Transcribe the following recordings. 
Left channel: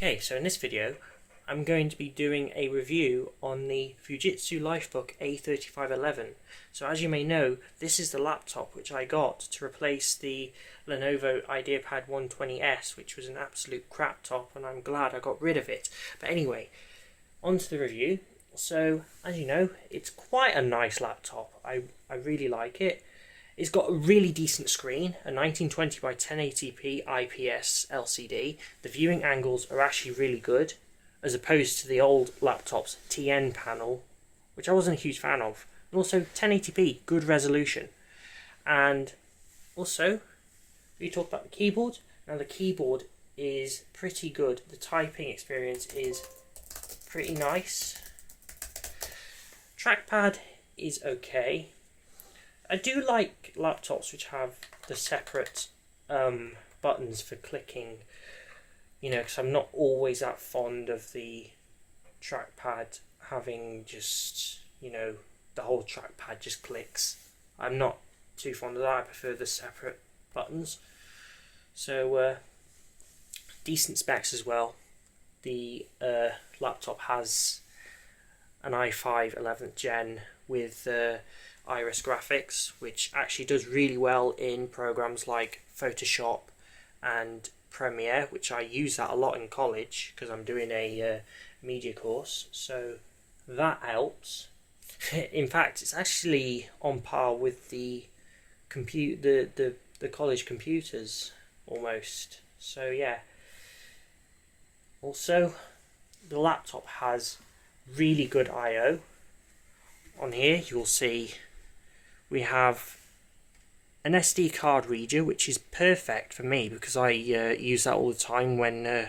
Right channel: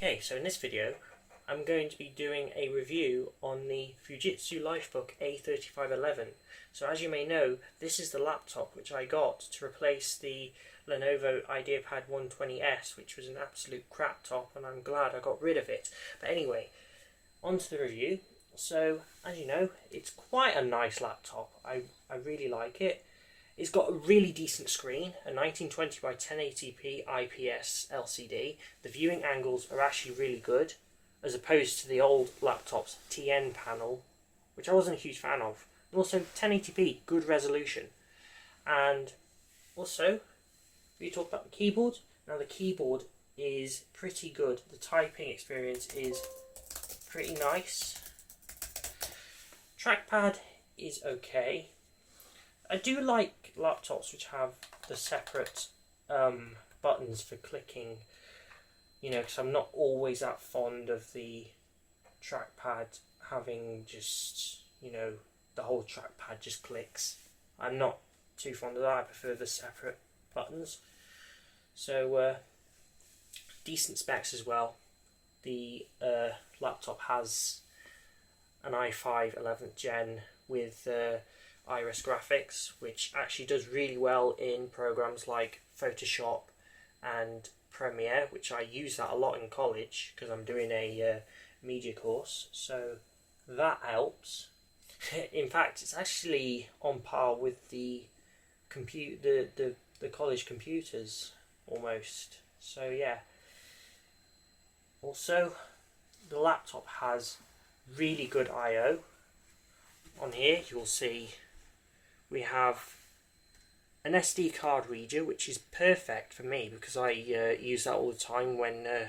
Okay, so in this video I'm going to be doing a review on the Fujitsu Lifebook A3511. So as you may know, this is the laptop which I got to replace the Lenovo IdeaPad 120S, which was an absolute crap top, and I'm glad I got rid of it. But anyway, on to the review. So as you know, it's quite a nice laptop. I really like it. It's got a really decent screen, a 1920 by 1080p IPS LCD. The viewing angles are actually really good, as opposed to the old laptop's TN panel, which I wasn't a huge fan of. And also 1080p, good resolution. And also, we talk about the keyboard. Now the keyboard is pretty good. The typing experience is pretty nice. Trackpad is okay. I do like laptops which have the separate buttons for clicking, you know, because I'm not always that fond of the trackpad having just, you know, the whole trackpad just clicks. I'm not too fond of that. I prefer the separate buttons. So decent specs as well. The laptop has an i5 11th gen with Iris graphics, which actually does really well in programs like Photoshop and Premiere, which I use that a lot in college because I'm doing a media course, so that helps. In fact, it's actually on par with the college computers almost. So yeah. Also, the laptop has really good I/O. On here you'll see we have an SD card reader, which is perfect for me because I use that all the time when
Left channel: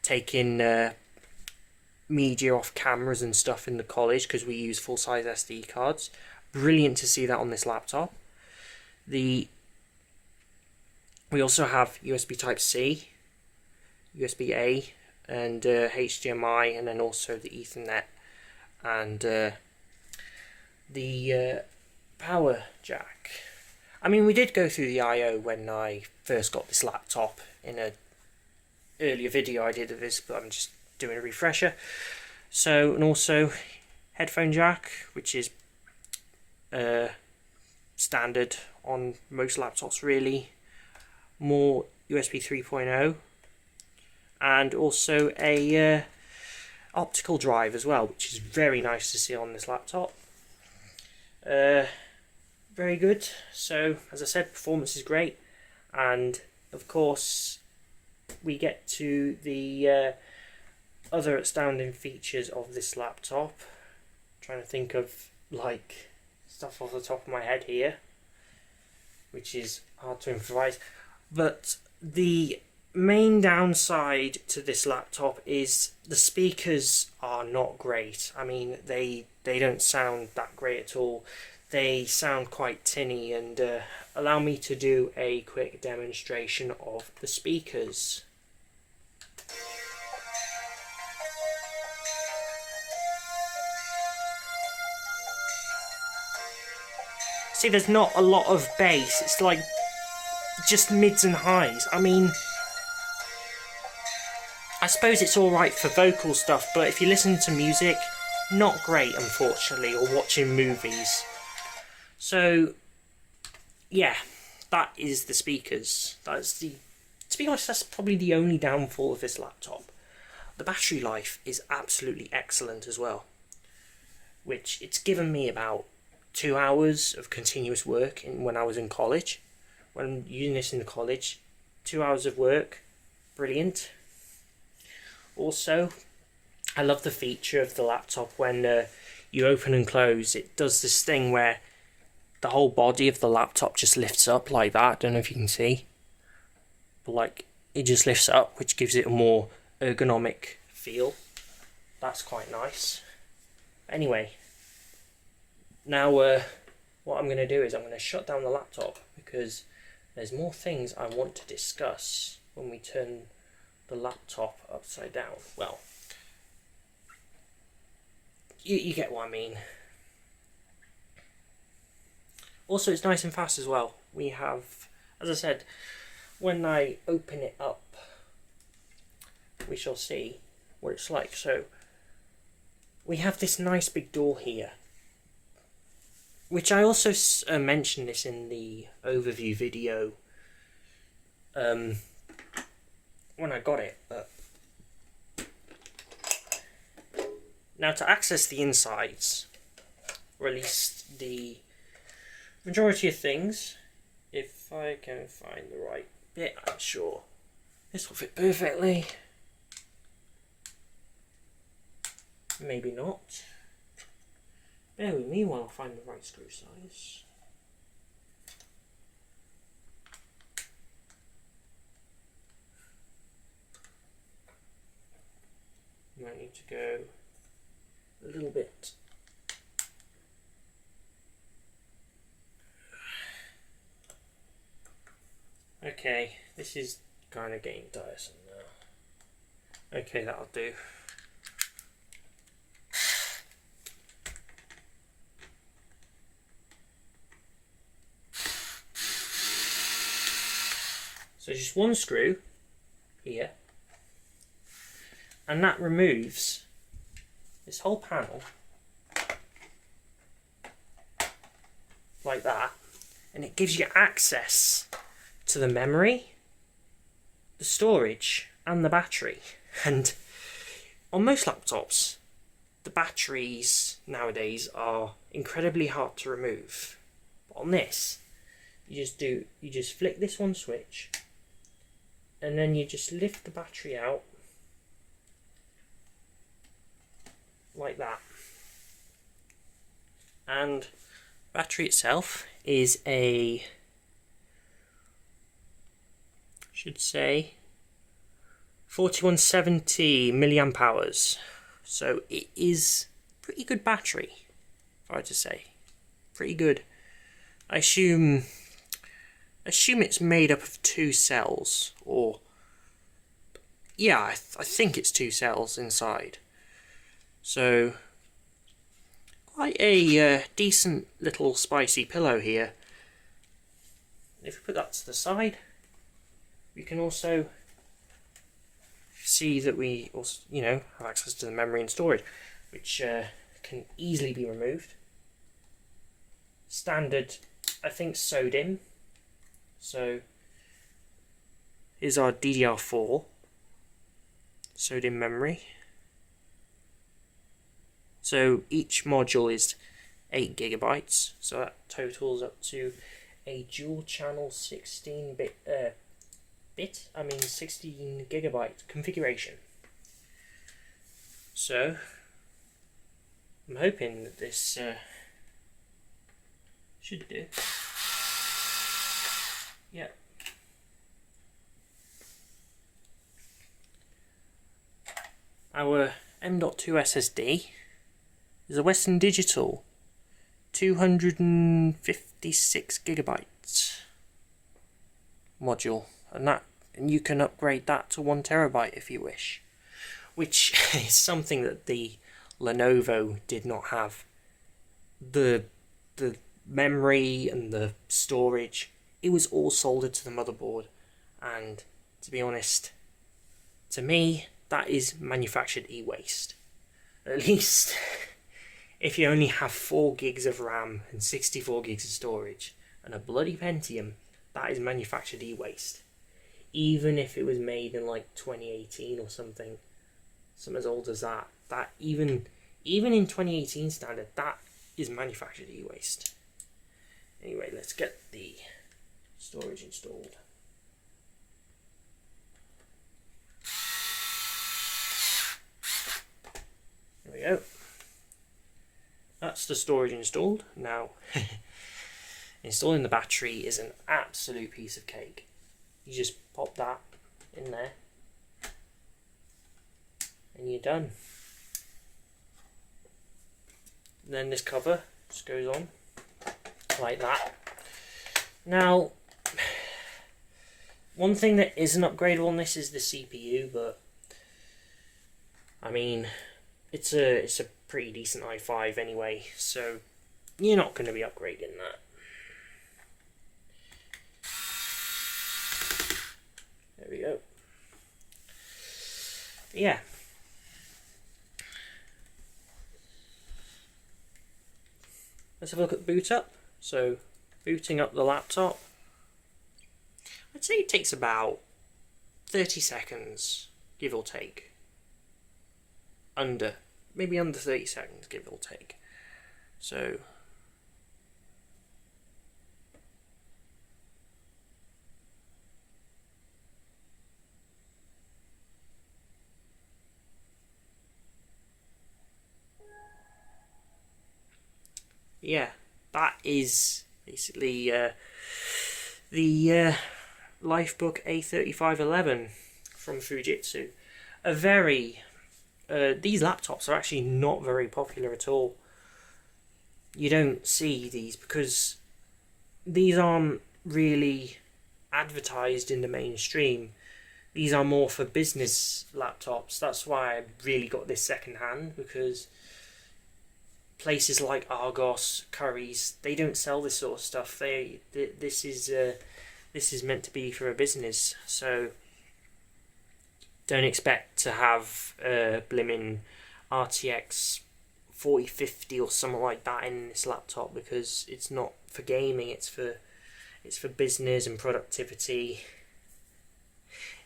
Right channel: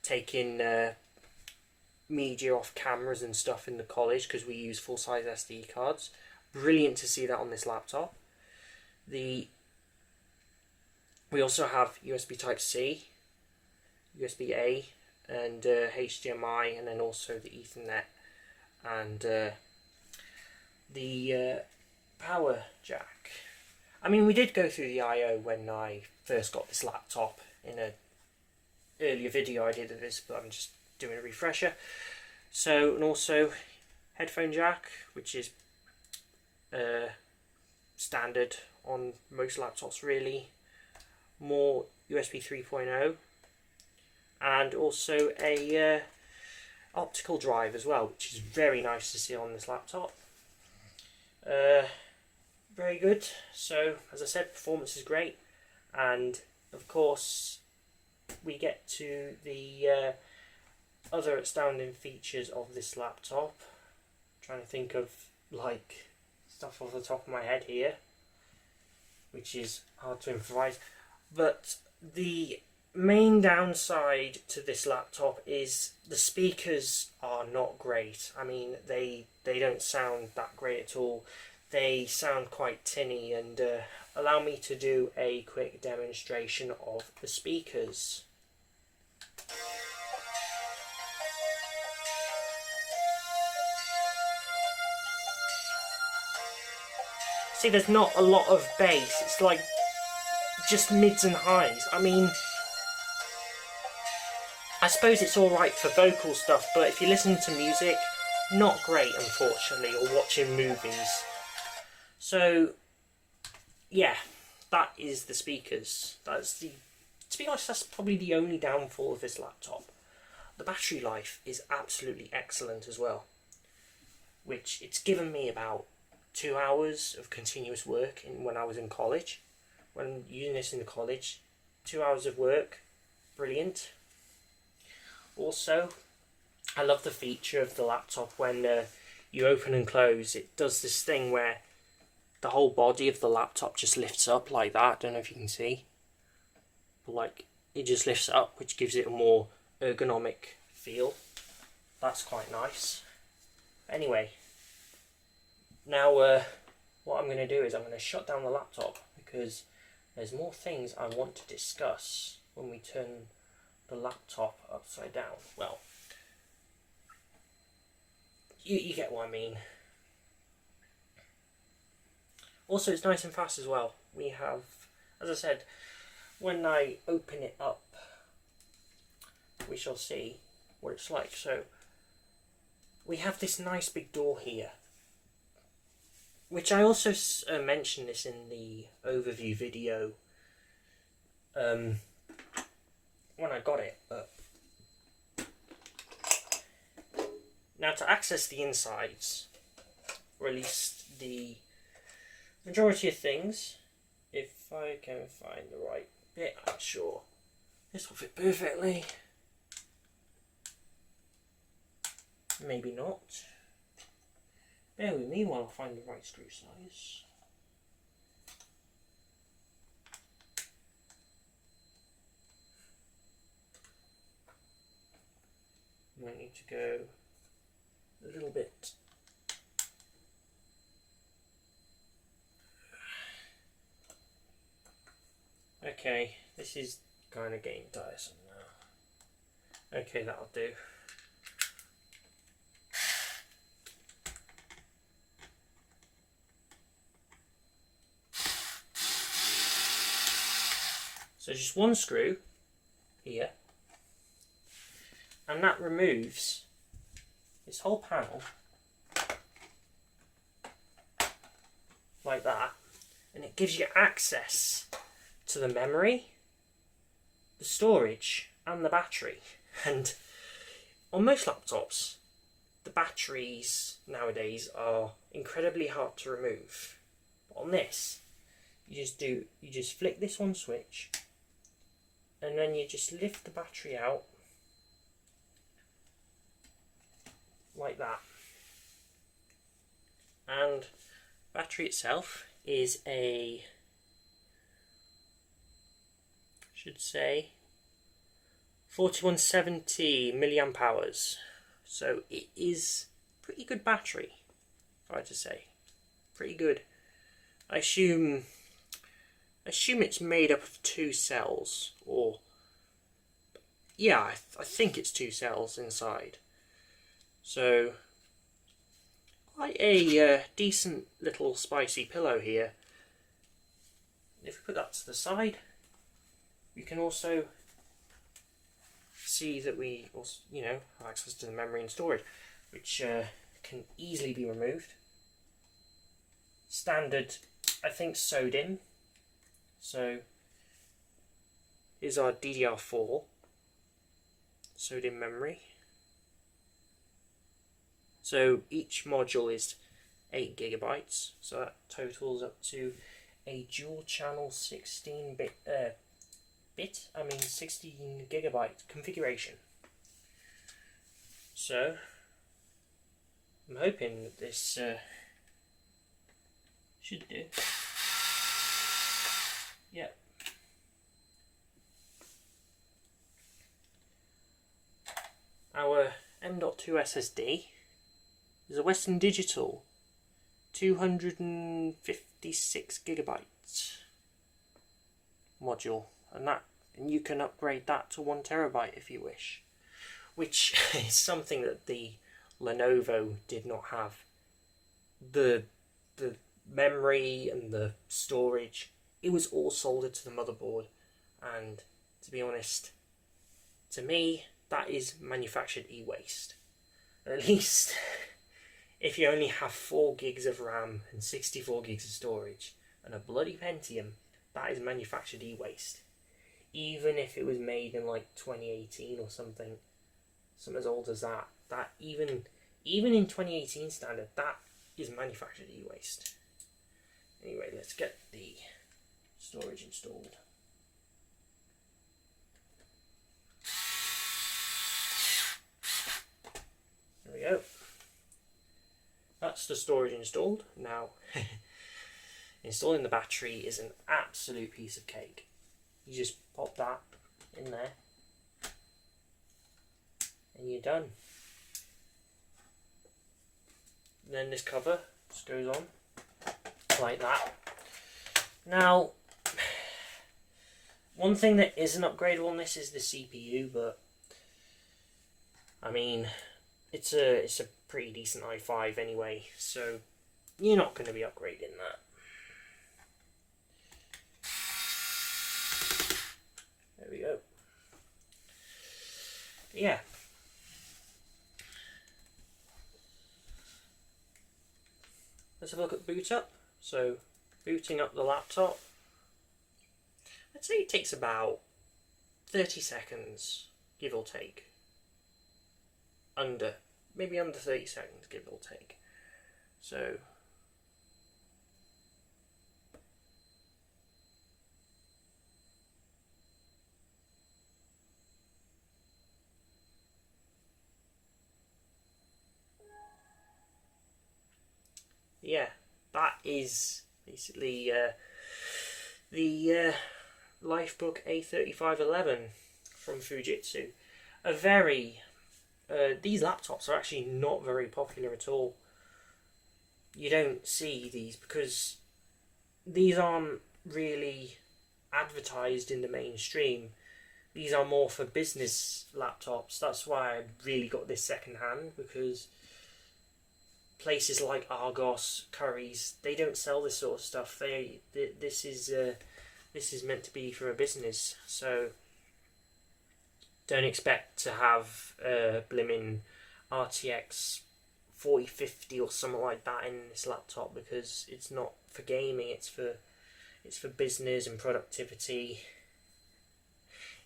taking media off cameras and stuff in the college, because we use full-size SD cards. Brilliant to see that on this laptop. We also have USB Type-C, USB-A, and HDMI, and then also the Ethernet and the power jack. I mean, we did go through the I/O when I first got this laptop in an earlier video I did of this, but I'm just doing a refresher. So, and also headphone jack, which is standard on most laptops really. More USB 3.0, and also a optical drive as well, which is very nice to see on this laptop. Very good. So as I said, performance is great, and of course we get to the other astounding features of this laptop. I'm trying to think of like stuff off the top of my head here, which is hard to improvise, but the main downside to this laptop is the speakers are not great. I mean, they don't sound that great at all. They sound quite tinny, and allow me to do a quick demonstration of the speakers. See, there's not a lot of bass. It's like just mids and highs. I mean, I suppose it's alright for vocal stuff, but if you listen to music, not great, unfortunately, or watching movies. So, yeah, that is the speakers. To be honest, that's probably the only downfall of this laptop. The battery life is absolutely excellent as well, which it's given me about 2 hours of continuous work when I was in college. When using this in college, 2 hours of work, brilliant. Also, I love the feature of the laptop when you open and close. It does this thing where the whole body of the laptop just lifts up like that. I don't know if you can see, but like it just lifts up, which gives it a more ergonomic feel. That's quite nice. Anyway, now what I'm going to do is I'm going to shut down the laptop because there's more things I want to discuss when we turn the laptop upside down. Well, you get what I mean. Also, it's nice and fast as well. We have, as I said, when I open it up, we shall see what it's like. So we have this nice big door here, which I also mentioned this in the overview video when I got it. But now to access the insides, or at least the majority of things, if I can find the right bit, I'm sure this will fit perfectly. Maybe not. Bear with me while I find the right screw size. You might need to go a little bit. Okay, this is kind of getting tiresome now. Okay, that'll do. So just one screw here, and that removes this whole panel like that, and it gives you access to the memory, the storage, and the battery. And on most laptops, the batteries nowadays are incredibly hard to remove. But on this, you just flick this one switch, and then you just lift the battery out like that. And battery itself is a, should say, 4170 milliamp hours. So it is pretty good battery, if I were to say. Pretty good. I assume it's made up of 2 cells, or yeah, I think it's 2 cells inside. So quite a decent little spicy pillow here. If we put that to the side, we can also see that we also, have access to the memory and storage, which can easily be removed. Standard, I think, sewed in. So here's our DDR4 sewed in memory. So each module is 8 gigabytes, so that totals up to a dual channel 16 gigabyte configuration. So I'm hoping that this should do. Yeah. Our M.2 SSD is a Western Digital 256 gigabytes module, and you can upgrade that to 1 terabyte if you wish, which is something that the Lenovo did not have. The memory and the storage, it was all soldered to the motherboard, and to be honest, to me, that is manufactured e-waste. At least if you only have 4 gigs of RAM and 64 gigs of storage and a bloody Pentium, that is manufactured e-waste. Even if it was made in like 2018 or something as old as that, even in 2018 standard, that is manufactured e-waste. Anyway, let's get the storage installed. There we go. That's the storage installed. Now, installing the battery is an absolute piece of cake. You just pop that in there and you're done. And then this cover just goes on like that. Now, one thing that isn't upgradable on this is the CPU, but I mean, it's a pretty decent i5 anyway, so you're not going to be upgrading that. There we go. yeah. Let's have a look at boot up. So, booting up the laptop. I'd say it takes about 30 seconds, give or take. Maybe under 30 seconds, give or take. So, yeah, that is basically the Lifebook A3511 from Fujitsu. These laptops are actually not very popular at all. You don't see these because these aren't really advertised in the mainstream. These are more for business laptops. That's why I really got this second hand, because places like Argos, Currys, they don't sell this sort of stuff. This is meant to be for a business, so don't expect to have a blimmin' RTX 4050 or something like that in this laptop, because it's not for gaming. It's for business and productivity.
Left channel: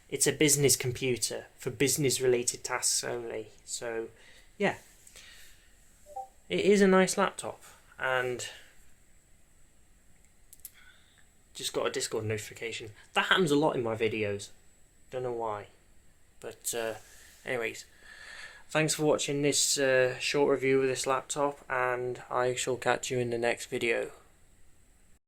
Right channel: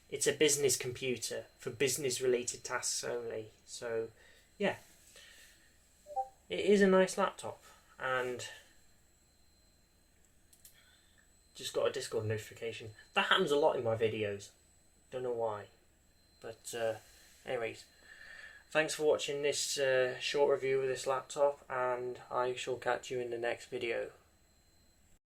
It's a business computer for business related tasks only. So yeah, it is a nice laptop, and just got a Discord notification. That happens a lot in my videos. Don't know why. But anyways, thanks for watching this short review of this laptop, and I shall catch you in the next video.